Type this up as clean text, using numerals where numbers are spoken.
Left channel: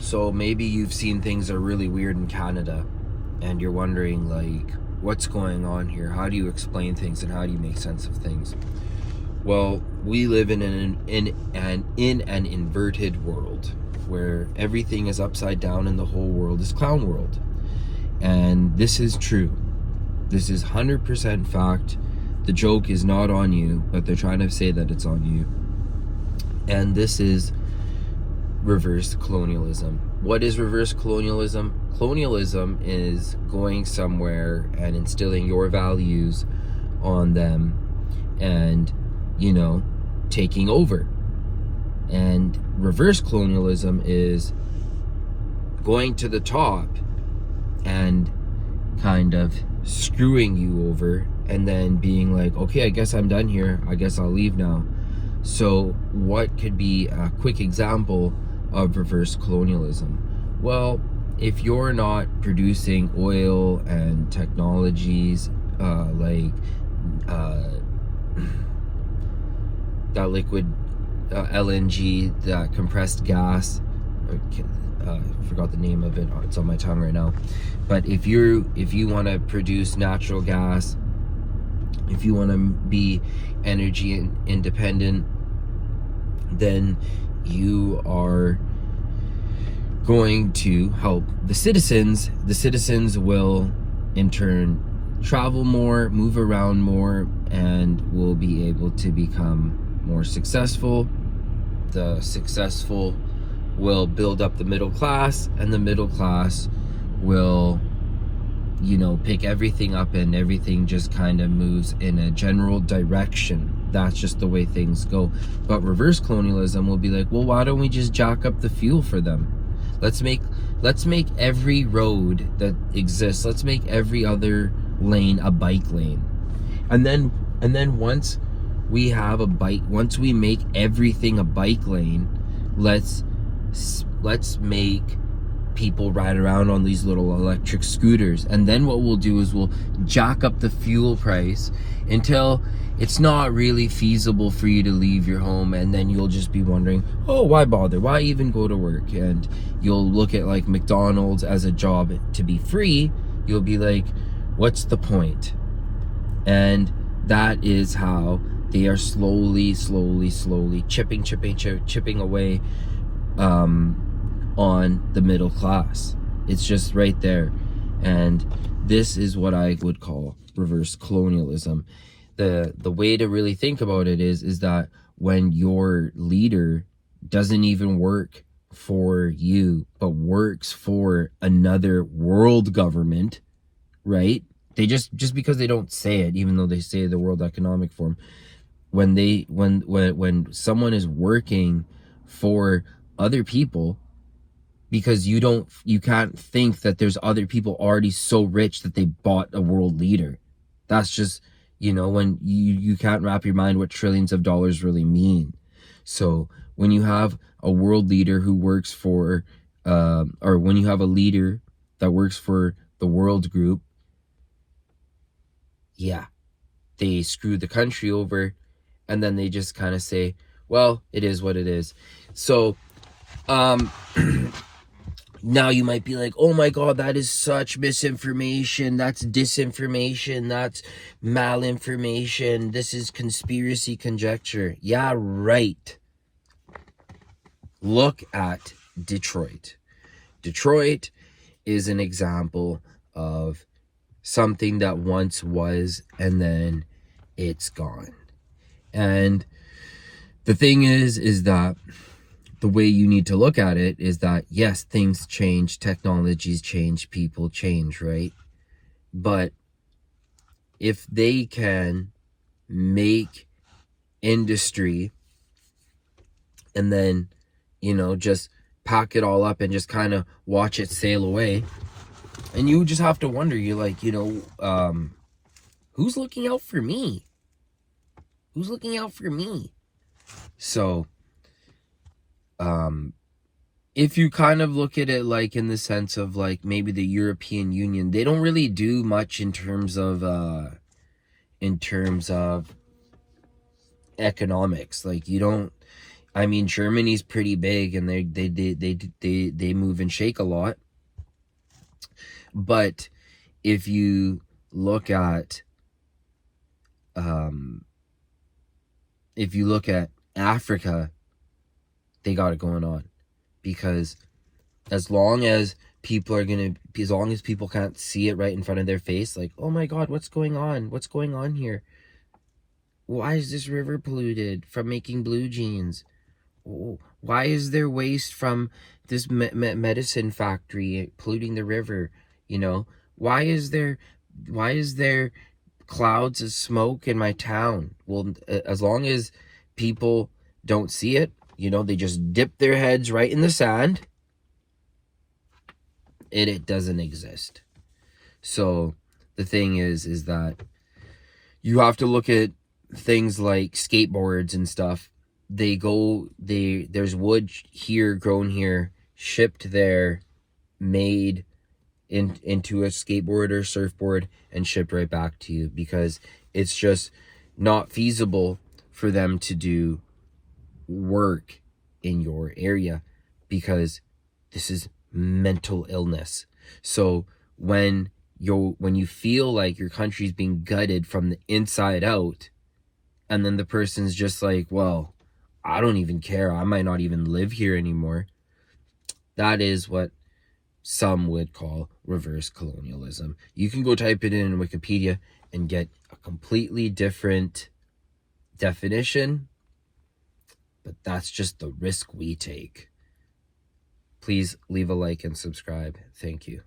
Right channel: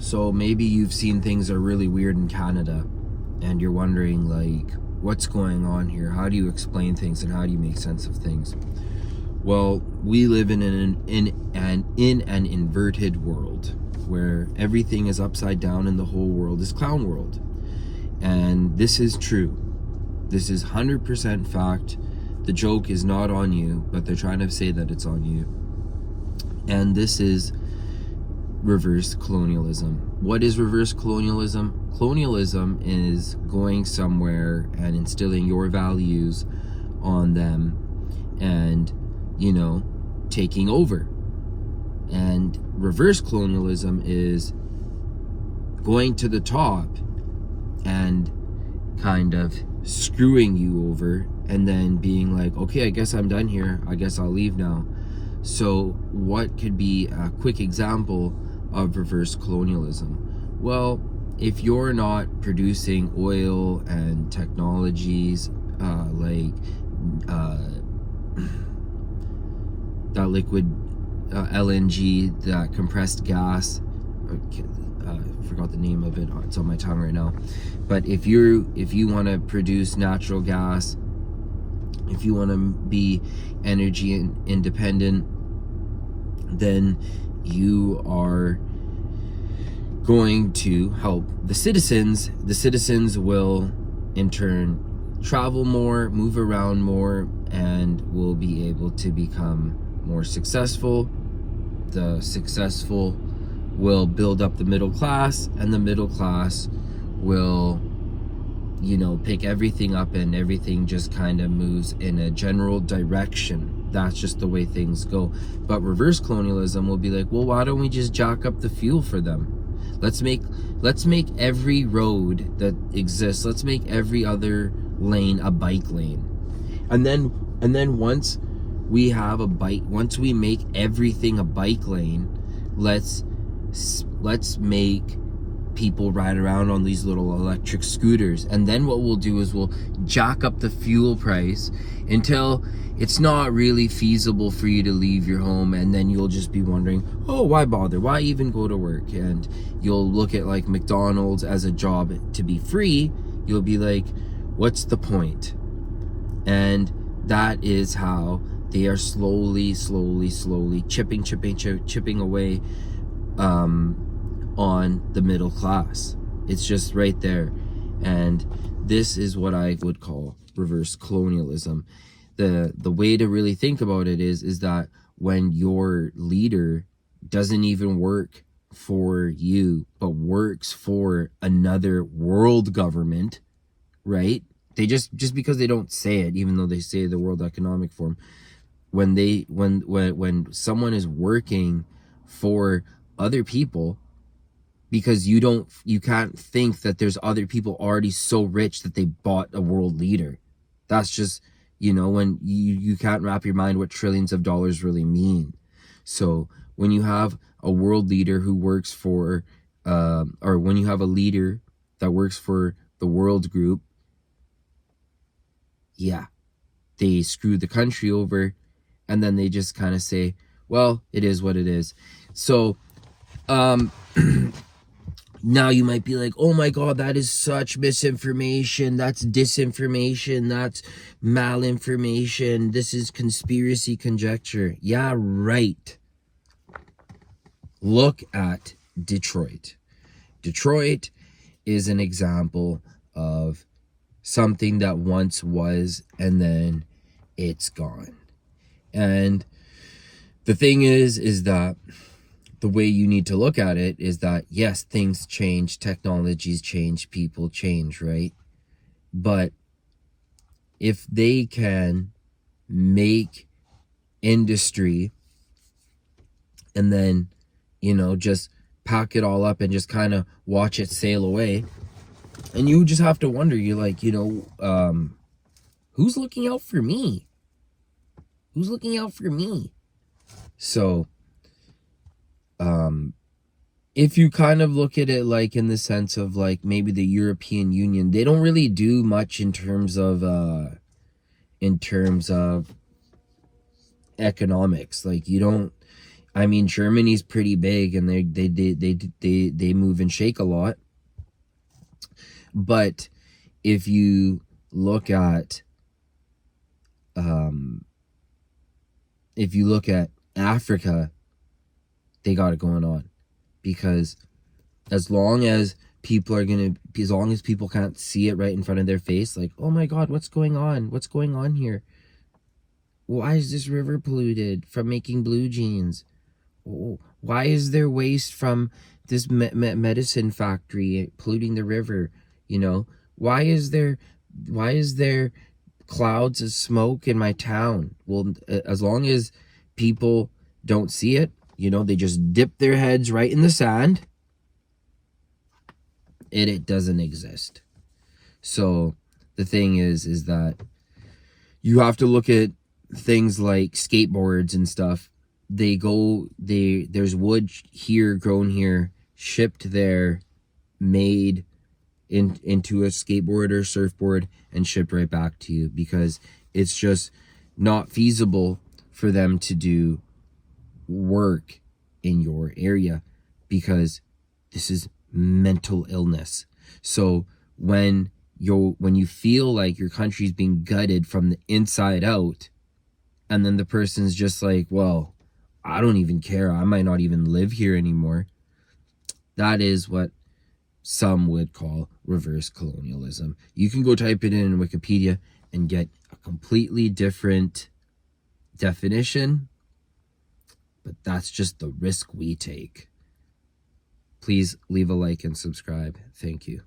So maybe you've seen things are really weird in Canada and you're wondering, like, what's going on here? How do you explain things and how do you make sense of things? Well, we live in an inverted world where everything is upside down and the whole world is clown world. And this is true. This is 100% fact. The joke is not on you, but they're trying to say that it's on you. And this is reverse colonialism. What is reverse colonialism? Colonialism is going somewhere and instilling your values on them and, taking over. And reverse colonialism is going to the top and kind of screwing you over and then being like, okay, I guess I'm done here. I guess I'll leave now. So what could be a quick example of reverse colonialism? Well, if you're not producing oil and technologies like that liquid LNG, that compressed gas, I forgot the name of it, it's on my tongue right now, but if you want to produce natural gas, if you want to be energy independent, then you are going to help the citizens. The citizens will in turn travel more, move around more, and will be able to become more successful. The successful will build up the middle class, and the middle class will pick everything up, and everything just kind of moves in a general direction. That's just the way things go. But reverse colonialism will be like, well, why don't we just jack up the fuel for them? Let's make every road that exists, let's make every other lane a bike lane. And then once we make everything a bike lane, let's make people ride around on these little electric scooters. And then what we'll do is we'll jack up the fuel price until it's not really feasible for you to leave your home, and then you'll just be wondering, oh, why bother? Why even go to work? And you'll look at like McDonald's as a job to be free. You'll be like, what's the point? And that is how they are slowly chipping away on the middle class. It's just right there. And this is what I would call reverse colonialism. The way to really think about it is that when your leader doesn't even work for you, but works for another world government, right? They just because they don't say it, even though they say the World Economic Forum, when someone is working for other people, because you can't think that there's other people already so rich that they bought a world leader. That's just, when you can't wrap your mind what trillions of dollars really mean. So when you have a world leader who works for, or when you have a leader that works for the world group, yeah, they screw the country over, and then they just kind of say, well, it is what it is. So, now you might be like, oh my God, that is such misinformation. That's disinformation. That's malinformation. This is conspiracy conjecture. Yeah, right. Look at Detroit. Detroit is an example of something that once was, and then it's gone. And the thing is that the way you need to look at it is that, yes, things change, technologies change, people change, right? But if they can make industry and then, just pack it all up and just kind of watch it sail away, and you just have to wonder, you're like, who's looking out for me? Who's looking out for me? So, if you kind of look at it like in the sense of like maybe the European Union, they don't really do much in terms of economics. Like I mean, Germany's pretty big, and they move and shake a lot. But if you look at um, Africa, they got it going on, because as long as as long as people can't see it right in front of their face, like, oh my God, what's going on? What's going on here? Why is this river polluted from making blue jeans? Why is there waste from this medicine factory polluting the river? You know, why is there clouds of smoke in my town? Well, as long as people don't see it, they just dip their heads right in the sand, it doesn't exist. So the thing is that you have to look at things like skateboards and stuff. There's wood here, grown here, shipped there, made into a skateboard or surfboard, and shipped right back to you, because it's just not feasible for them to do work in your area, because this is mental illness. So when you feel like your country's being gutted from the inside out, and then the person's just like, well, I don't even care, I might not even live here anymore, that is what some would call reverse colonialism. You can go type it in Wikipedia and get a completely different definition, but that's just the risk we take. Please leave a like and subscribe. Thank you.